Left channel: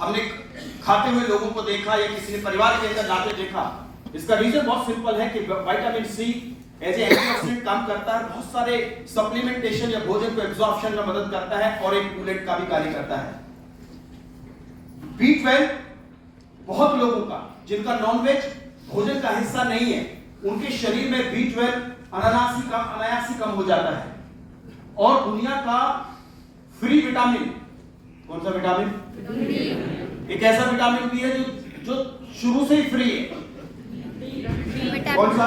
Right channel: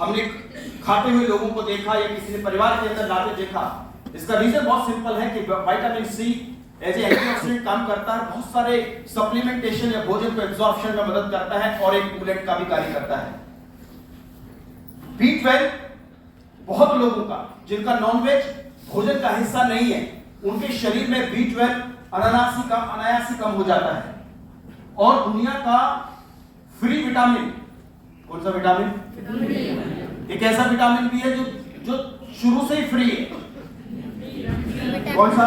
हमने खाते हुए लोगों को देखा या किसी ने परिवार के अंदर लाते देखा। इसका रीजन बहुत सिंपल है कि vitamin C as a antioxidant काम करता है, बहुत सारे सप्लीमेंटेशन या भोजन को एब्जॉर्प्शन में मदद करता है और एक कूलेंट का भी कार्य करता है। B12 बहुत लोगों का जिनका नॉनवेज भोजन का हिस्सा नहीं है, उनके शरीर में B12 अनायास ही कम हो जाता है। और दुनिया का फ्री विटामिन, कौन सा विटामिन? एक ऐसा विटामिन भी है जो शुरू से ही फ्री है। कौन सा?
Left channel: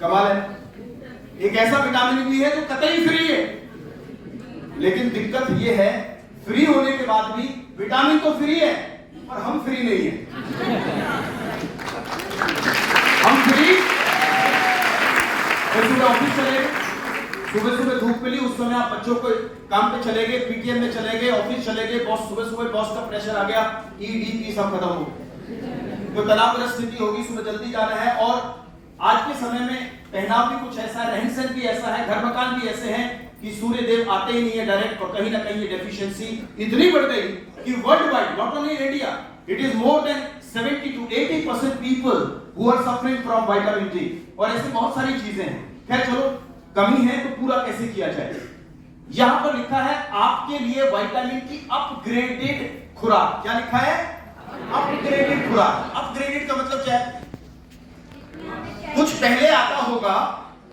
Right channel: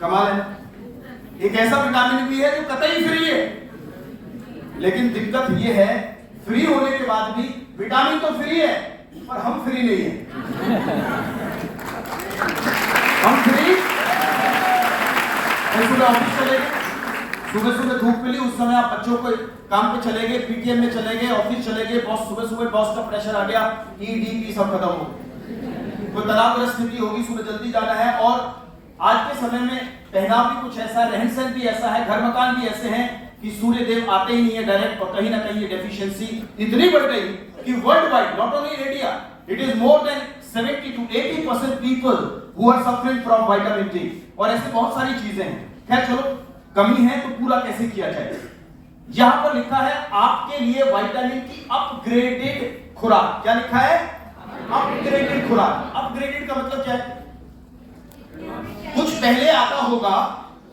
कमाल है। एक ऐसा विटामिन भी है जो कतई फ्री है, लेकिन दिक्कत यह है फ्री होने के बाद भी विटामिन तो फ्री है पर हम फ्री नहीं है। हम फ्री ऑफिस चले गए, सुबह धूप मिली, उस समय आप बच्चों को काम पे चले गए, पीटीएम में चले गए, ऑफिस चले गए, बॉस सुबह बॉस का प्रेशर आ गया, ईडी सब खत्म हो गया, कोई तनावग्रस्त स्थिति होगी, सुबह जल्दी जाना है। और आज के समय में पहनाव भी कुछ ऐसा है, रहन सहन भी ऐसा है, घर मकान भी ऐसे हैं कि सूर्य देव आते ही नहीं है डायरेक्ट, और कहीं ना कहीं ये डेफिशिएंसी इतनी बढ़ गई कि world wide, not only in India, it is more than 70 to 80% people who are suffering from vitamin D. और ऐसी बहुत सारी चीजें हैं। खैर चलो, कमी है तो पूरा कैसे किया जाए। यहां पर लिखा है आपके लिए विटामिन की अपग्रेडेड खुराक। क्या लिखा है? अपग्रेडेड खुराक। अपग्रेडेड का मतलब क्या है? कुछ पहले आता होगा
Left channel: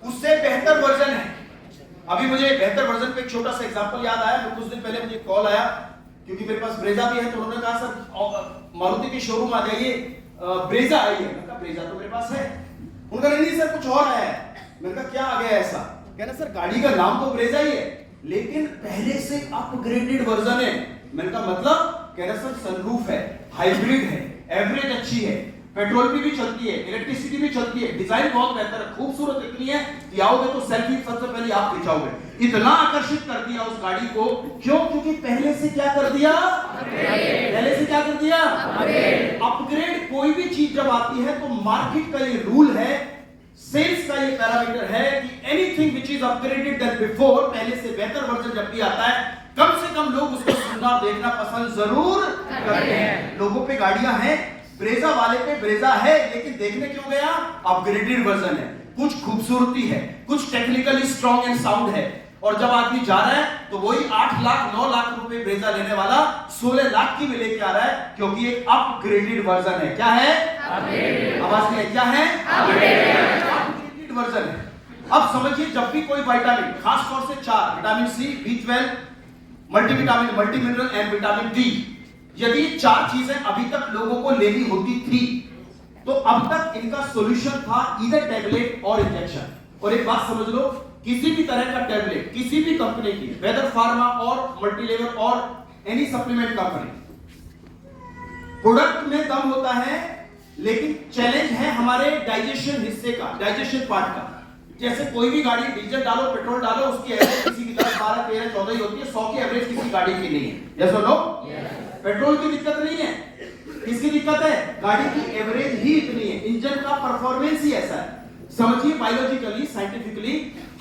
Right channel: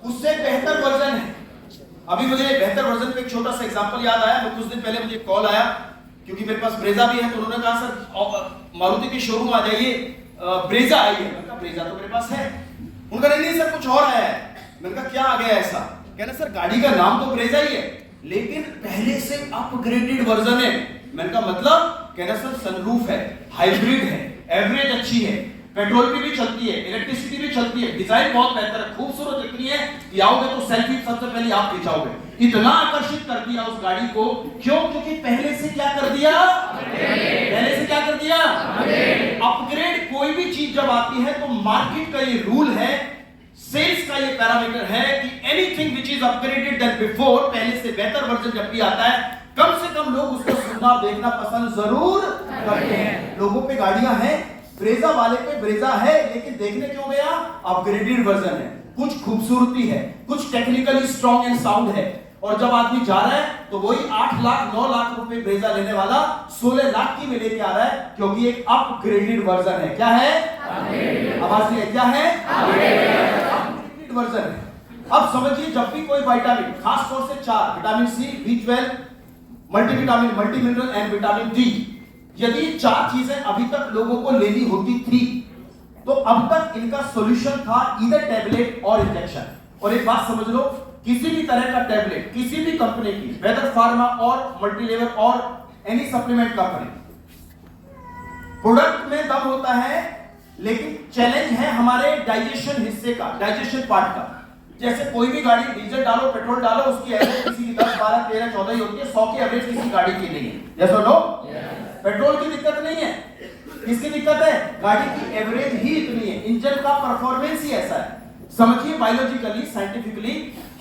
उससे बेहतर वर्जन है। अभी मुझे बेहतर वर्जन का एक छोटा सा एग्जांपल याद आया। कुछ दिन पहले मुझे कॉल आया, क्योंकि मेरे पास ब्रेजा भी है, तो उन्होंने कहा सर मारुति के शोरूम आ जाइए, ब्रेजा आई है। मैंने कहा ब्रेजा तो मेरे पास है। उनका नहीं सर कुछ और आया है। मैंने कहा क्या आ गया ऐसा? कहना सर गाड़ी का नाम तो ब्रेजा ही है, लेकिन पहले से अपग्रेडेड वर्जन है। मैंने कहा मतलब? कहना सर सनरूफ है, हाइब्रिड है, एवरेज अच्छी है, पेट्रोल भी चलती है, इलेक्ट्रिसिटी भी चलती है, डिजाइन बहुत बेहतर है, खूबसूरत इतनी है कि आओगे तो सेल्फी सबसे पहले आप खिंचाओगे। इतना आकर्षित कर दिया उस गाड़ी को। क्यों? क्योंकि पहले से क्या कर दिया? पहले से क्या कर दिया? अपग्रेड। कोई भी चीज जब आती है तो मार्केट का ये रूल है, सेल्स का ये पैरामीटर है कि anything which is upgraded than before, पहले से बेहतर वर्जन जब भी आता है, कम से कम लोग उसको सुनना देखना पसंद जरूर करते हैं। लोगों पे गाड़ियां हैं, ब्रेजा वाले पे ब्रेजा है, लेकिन देखने क्यों गया? अपग्रेडेड वर्जन है, कुछ खूबसूरती है, कुछ टेक्निकली स्ट्रॉन्ग एंड साउंड है। और जब आदमी जा रहा है तो वही 8 लाख 9 लाख रुपए ब्रेजा लेने वाला 16 लाख की में लेके आ रहा है, क्योंकि एक अपग्रेडेड वर्जन है। क्या है? आवाज नहीं है। क्या है? अपग्रेडेड वर्जन है। अब समझिए, जब भी कोई विटामिन, खास तौर से 4 vitamin C, B12, multivitamin, multi mineral and vitamin D, यदि 4 चीजें अभी तक लोगों को लेनी होती थी तो अब तक इनका सॉल्यूशन था ईदर टैबलेट और इंजेक्शन। और एक बात समझ लो, किसी भी तरह का टैबलेट किसी भी कंपनी की, वेदर फार्मा और मल्टीलेवल और एनी सप्लीमेंट कंपनी, प्रोडक्ट में दम होता है, लेकिन चैलेंज है हमारे डाइजेशन हिस्से का, डाइजेशन पार्ट का। जैसे कोई भी गाड़ी, डीजल डालो, पेट्रोल डालो, उसकी एवरेज किसी की 10, 12, 13, 14 ही होती है, 100 की एवरेज किसी गाड़ी की नहीं है। यस और नो? पेट्रोल की दिक्कत नहीं है, किसकी दिक्कत है? गाड़ी की एवरेज ही इतनी है, इंजन का परफॉर्मेंस ही ऐसा है। समझिए, बायोलॉजिकली, साइंटिफिकली,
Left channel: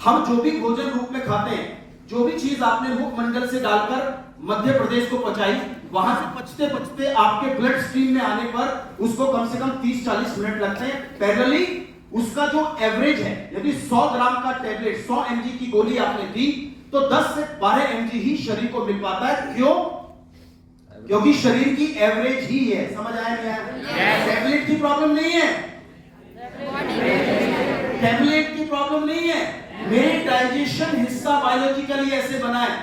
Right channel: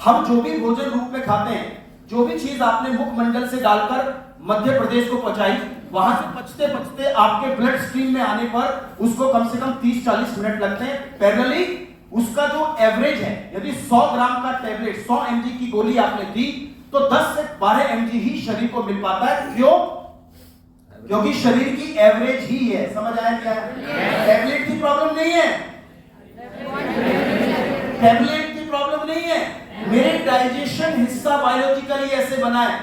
हम जो भी भोजन रूप में खाते हैं, जो भी चीज आपने मुखमंडल से डालकर मध्य प्रदेश को पहुंचाई, वहां से पचते पचते आपके ब्लड स्ट्रीम में आने पर उसको कम से कम 30-40 मिनट लगते हैं। पैरेलली उसका जो एवरेज है, यदि 100 ग्राम का टैबलेट, 100 mg की गोली आपने दी, तो 10 से 12 mg ही शरीर को मिल पाता है। क्यों? क्योंकि शरीर की एवरेज ही है। समझ आया क्या है? टैबलेट की प्रॉब्लम नहीं है, टैबलेट की प्रॉब्लम नहीं है, मेरे डाइजेशन हिस्सा बायोलॉजिकली ऐसे बना है।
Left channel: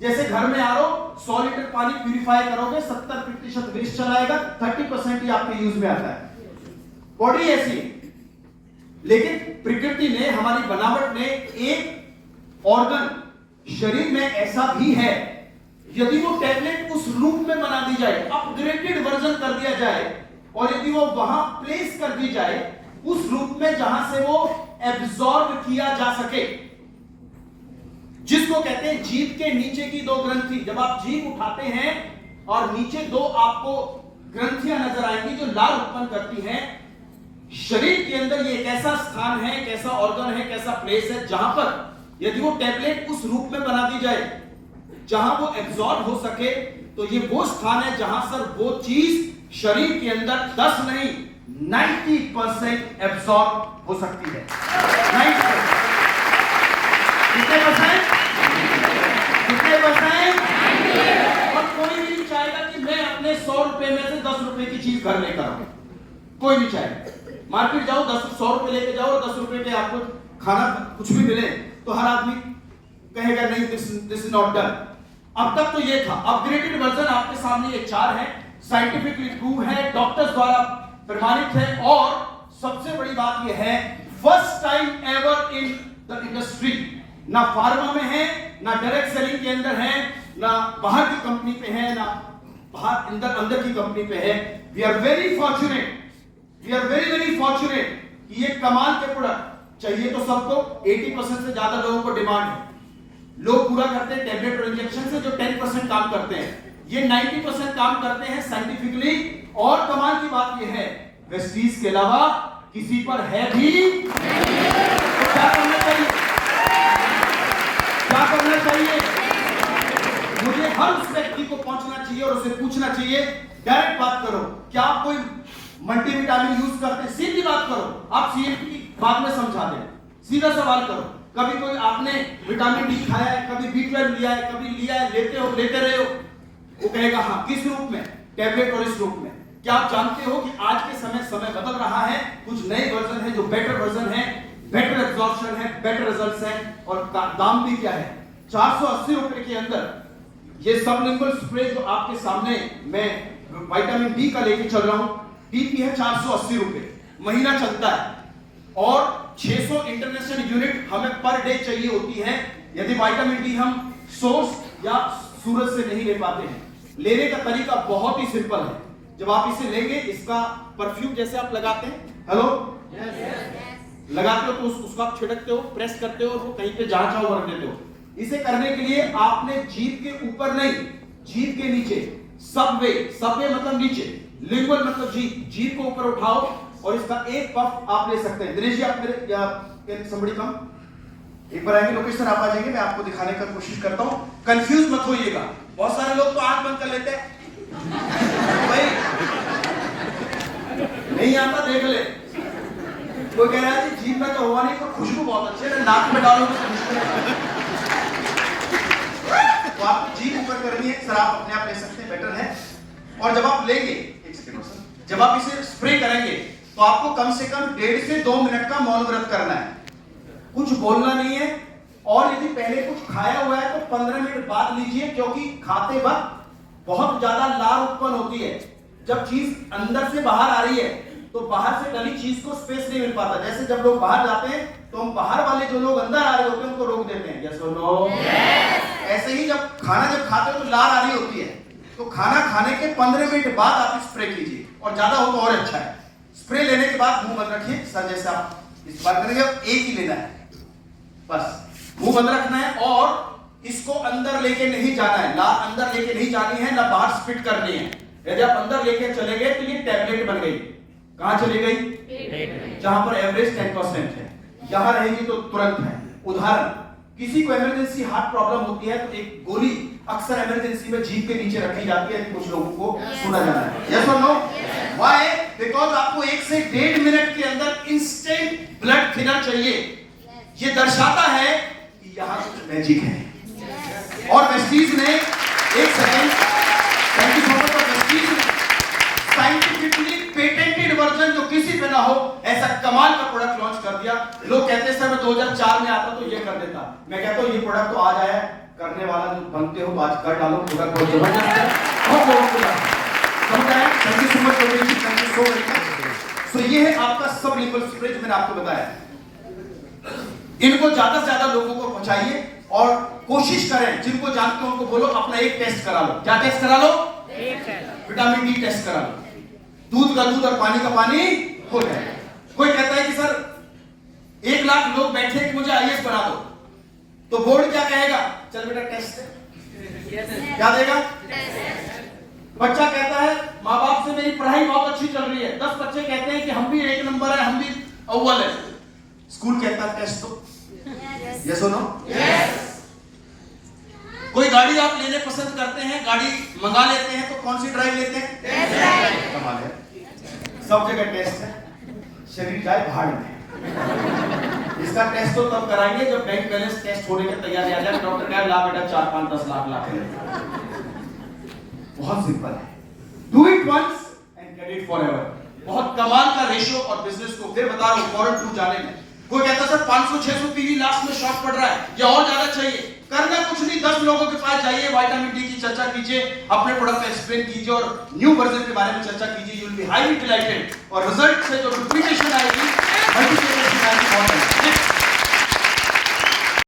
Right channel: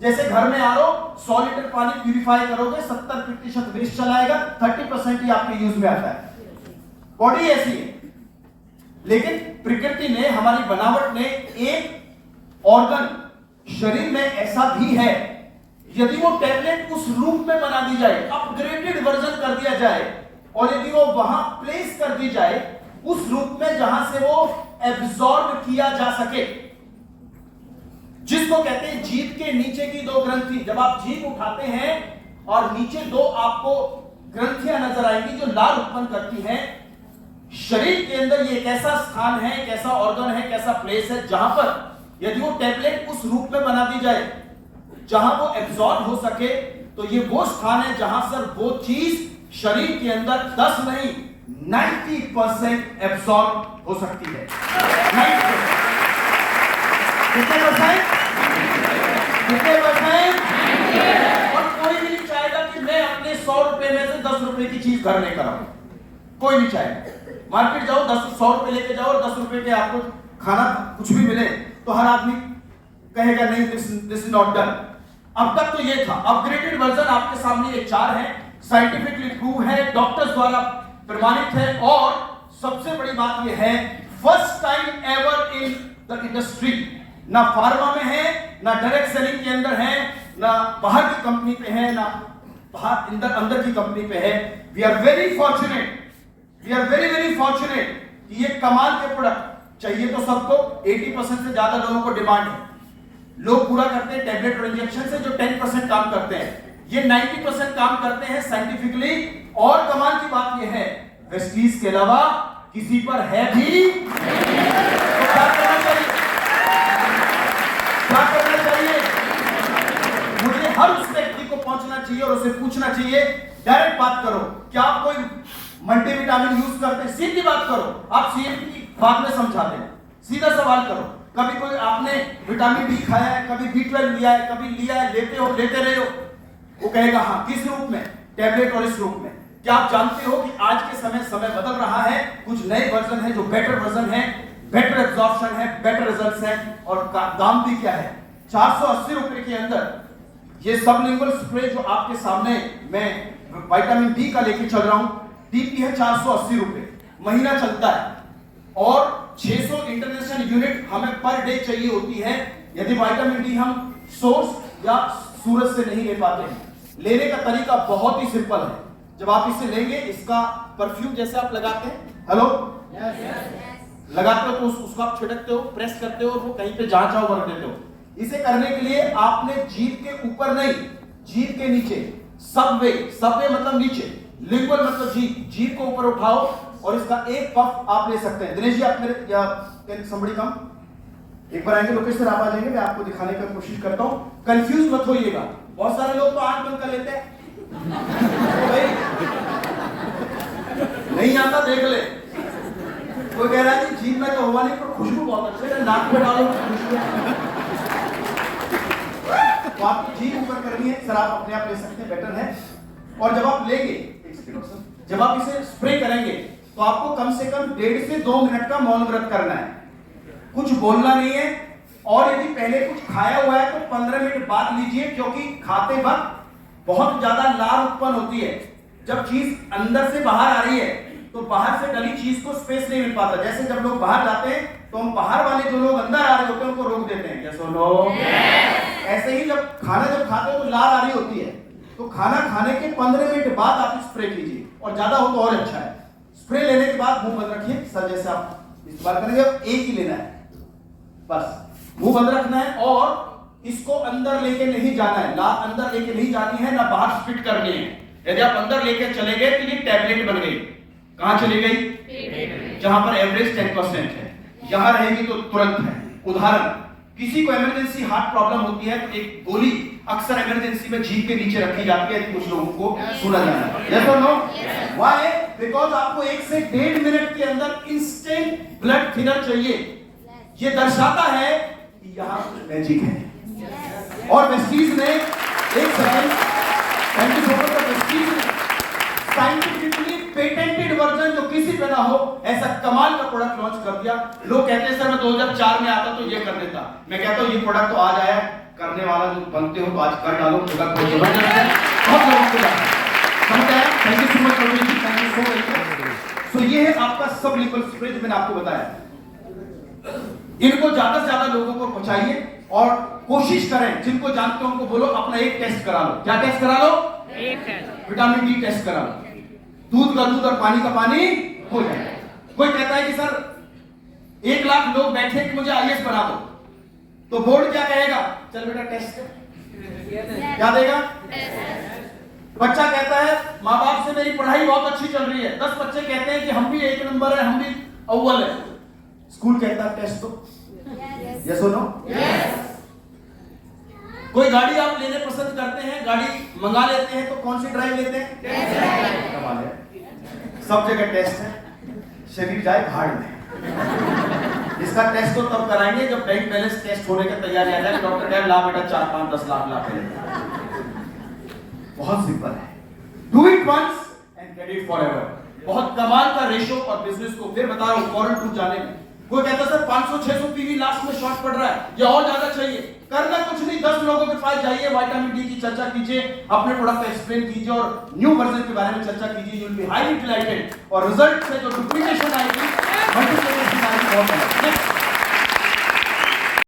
जैसे घर में आरो 100 लीटर पानी प्यूरिफाई करोगे, 70% वेस्ट चलाएगा, 30% ही आपके यूज में आता है। बॉडी ऐसी है, लेकिन प्रकृति ने, हमारी बनावट ने एक ऑर्गन शरीर में ऐसा भी है, यदि वो टैबलेट उस रूप में बना दी जाए, अपग्रेडेड वर्जन कर दिया जाए, और यदि वो वहां प्लेस कर दी जाए उस रूप में जहां से वो एब्जॉर्ब किया जा सके, जिसको कहते हैं जीभ के नीचे की 2 ग्रंथि। जब आप जीभ उठाते हैं और नीचे 2 आपको ग्रंथियां नजर आएंगी जो लाल उत्पन्न करती हैं। शरीर के अंदर ये एक ऐसा स्थान है, एक ऐसा ऑर्गन है, एक ऐसा प्लेस है, जहां पर यदि वो टैबलेट उस रूप में बना दी जाए जहां वो एब्जॉर्ब हो सके, तो ये वो स्थान है जहां सर वो चीज शरीर के अंदर 10 नहीं 90% एब्सॉर्ब हो सकती है। 90%। कितने परसेंट? कितने परसेंट? और कोई भी नहीं चाहेगा कि मैं अपने 100 रुपए में से 10 रुपए की चीज घर लेकर आऊं। कोई नहीं चाहेगा। मार्केट जाओ 100 रुपए लेके जाओ और 10 रुपए के आपको खाना कुछ भी मिले तो हर आदमी कहेगा नहीं दिस इज नॉट डन। अब तक तो ये था। अपग्रेडेड वर्जन आपके सामने ये 4 है, साइंटिफिकली प्रूव है, डॉक्टर्स द्वारा प्रमाणित है और सबसे बड़ी बात ये है first time ever in the industry. ना फार्मा में है, ना डायरेक्ट सेलिंग के अंदर है, ना बाहर की कंपनी पे है, ना बाहर अंदर की कंपनी पे है। वी आर वेरी फॉर्चुनेट कि ये कमाल के प्रोडक्ट चाहिए तो सबको 80% से ज्यादा लोगों को डिमांड है। लोग पूरा करते हैं टैबलेट और इंजेक्शन से, जो 10% काम करते हैं, ये 90% काम करते हैं साइंटिफिकली। और कमाल की बात ये है वेस्टीज के अलावा किसी पर है भी तो क्या करना चाहिए? क्या करना चाहिए? मुझे हर उस व्यक्ति को पहुंचना चाहिए और उसे पूछना चाहिए, डायरेक्ट बात करो, क्या आप कोई मल्टीविटामिन यूज करते हैं? सीधी बात करो। आप सीएमपी की बात में समझा दें, सीधा सवाल करो। कभी कोई आपने विटामिन डी खाया है, कभी B12 लिया है, कभी लिया है, लेते रहे हो? वो कहेगा हाँ। किस रूप में? टैबलेट और इस रूप में। क्या आप जानते हो कि आज के समय बदल रहा है, कुछ नए वर्जन है जो बेटर वर्जन है, बेटर एब्जॉर्प्शन है, बेटर रिजल्ट्स हैं और दाम भी क्या है 480 रुपए के अंदर ये सबलिंगुअल स्प्रे जो आपके सामने मैं विटामिन डी का लेके चल रहा हूं, डीपी है 480 रुपए, महीना चलता है और 600 इंटरनेशनल यूनिट हमें पर डे चाहिए होती है। यदि विटामिन डी हम सोर्स या सूरज से नहीं ले पाते हैं। लेने का तरीका बहुत ही सिंपल है। जब आप इसे लेंगे, इसका परफ्यूम जैसे आप लगाते हैं, हेलो लगाते हो तो उसको आप छिड़कते हो, प्रेस करते हो और वो कहीं पे जहां चाहो रख देते हो। इसे करने के लिए आपने जीभ के ऊपर नहीं, जीभ के नीचे, सबवे मतलब नीचे, लिंगुअल मतलब जीभ को ऊपर उठाओ और इसका एक पफ आप ले सकते हैं। दिनेश जी आप मेरे या somebody come, एक बार आएंगे लोकेशन आप आ जाएंगे, मैं आपको दिखाने का कोशिश करता हूं। कंफ्यूज मत होइएगा। बहुत सारे लोग तो आंख बंद कर लेते हैं, भाई नहीं आता देख ले। कोई कह रहा है जी जीभ में तो हुआ नहीं पर खुशबू बहुत अच्छी है, नाक में डालो तो आपको जीभ ऊपर करनी है। सर आप अपने आप ले सकते हैं, बेटर है। और जब आप लेंगे, एक सेकंड सर, जब आप इसे स्प्रे करेंगे तो आपको कम से कम 1.5 से 2 मिनट का मौन व्रत करना है, कुछ बोलना नहीं है। और यदि पहले कुछ खाया हुआ है तो 15 मिनट बाद लीजिए, क्योंकि खाते वक्त बहुत ज्यादा लार उत्पन्न होती है। जब चीज अंदर से बाहर आ रही है तो बाहर से डली चीज को स्पेस नहीं मिल पाता। जैसे जब लोग बाहर जाते हैं तो हम बाहर वाले जो लोग अंदर आ रहे होते हैं उनको रोक देते हैं, यस और नो। ऐसे ही जब खाते हो तो लार आ रही होती है, तो खाना खाने के 15 मिनट बाद आप स्प्रे कीजिए और ज्यादा हो तो और अच्छा है। स्प्रे लेने के बाद मुंह बंद रखिए, सर जैसे आप इस्तेमाल करेंगे, एक ही लेना है बस, मुंह बंद रखना है और इसको अंदर लेके नहीं जाना है, ना अंदर लेके नहीं जानी है, ना बाहर स्पिट करनी है। यदि आप अंदर लेके चले गए तो ये टैबलेट बन गई। कहां चली गई? जहां पर एवरेज 10% है, यहां रहेगी तो तुरंत है। उदाहरण, किसी को इमरजेंसी हार्ट प्रॉब्लम होती है तो एक गोली अक्सर इमरजेंसी में जीभ के नीचे रखी जाती है, कुछ लोगों को सुना जाना है, यस और नो। व्हाई? बिकॉज आपको 1 से 1.5 मिनट के अंदर इंस्टेंट ब्लड थिनर चाहिए। ये दर्शाता है कि यहां मैजिक है। और वेस्टीज ने एक सेकंड साइंटिफिकली पेटेंटेड वर्जन जो किसी पे ना हो ऐसा कमाल का प्रोडक्ट लॉन्च कर दिया। लोग कहते हैं सर मैं 2004 में आता तो ये कर देता। मैं कहता हूं ये प्रोडक्ट तो आज आया, करने वाला जो बनते हो तो आज कर डालो, प्रोडक्ट बहुत जबरदस्त है, बहुत लोगों को समझ आया। Thank you so much, thank you so much. So ये है आपका सबलिंगुअल स्प्रे जो मैंने आपको बताया। इनको ज्यादा से ज्यादा लोगों को पहुंचाइए और कोशिश करें, जिनको जानते हो उनको बोलो अपना एक टेस्ट करा लो। क्या टेस्ट करा लो? विटामिन डी टेस्ट करा लो। दूध का दूध और पानी का पानी हो जाए। कोई कहता है कि सर 1 लाख लोग बैठे कि मुझे आईएएस बना दो, तो बोर्ड क्या कहेगा? चल बेटा टेस्ट क्या देगा? बच्चा कहता है माँ बाप से मेरी पढ़ाई बहुत अच्छी चल रही है, 10 बच्चे कहते हैं कि हम भी 1 नंबर है, हम भी अव्वल है। स्कूल कहता है टेस्ट दो, यस और नो। कोई गाड़ी आप लेने पसंद करते हैं, गाड़ी मंगा लेते हैं, तो कौन सी ड्राइव लेते हैं? टेस्ट। कमाल है, सब जगह टेस्ट है, शरीर जाए भाड़ में। इसका टेस्ट तो तब कराएंगे जब बैंक बैलेंस टेस्ट होने का तैयार आ जाए, डॉक्टर कहे ला बेटा 4-5-10 लाख ला के। बहुत सिंपल है, do it once and get it forever. बहुत कमाल का रेशो और बिजनेस को फिर बता रहा हूं, फॉरेन टू जाने में कोई कहता सर 500-600 पीवी लास्ट में शॉर्ट पड़ रहा है या और ज्यादा चाहिए, करना कुछ नहीं, 10 लोगों के पास जाइए, विटामिन डी की चर्चा कीजिए, अपने प्रोडक्ट को एक्सप्लेन कीजिए और न्यू वर्जन के बारे में चर्चा कीजिए, you will be highly dilated और रिजल्ट से जो डुप्लीकेशन आएगी, मल्टीप्लिकेशन आएगी, बहुत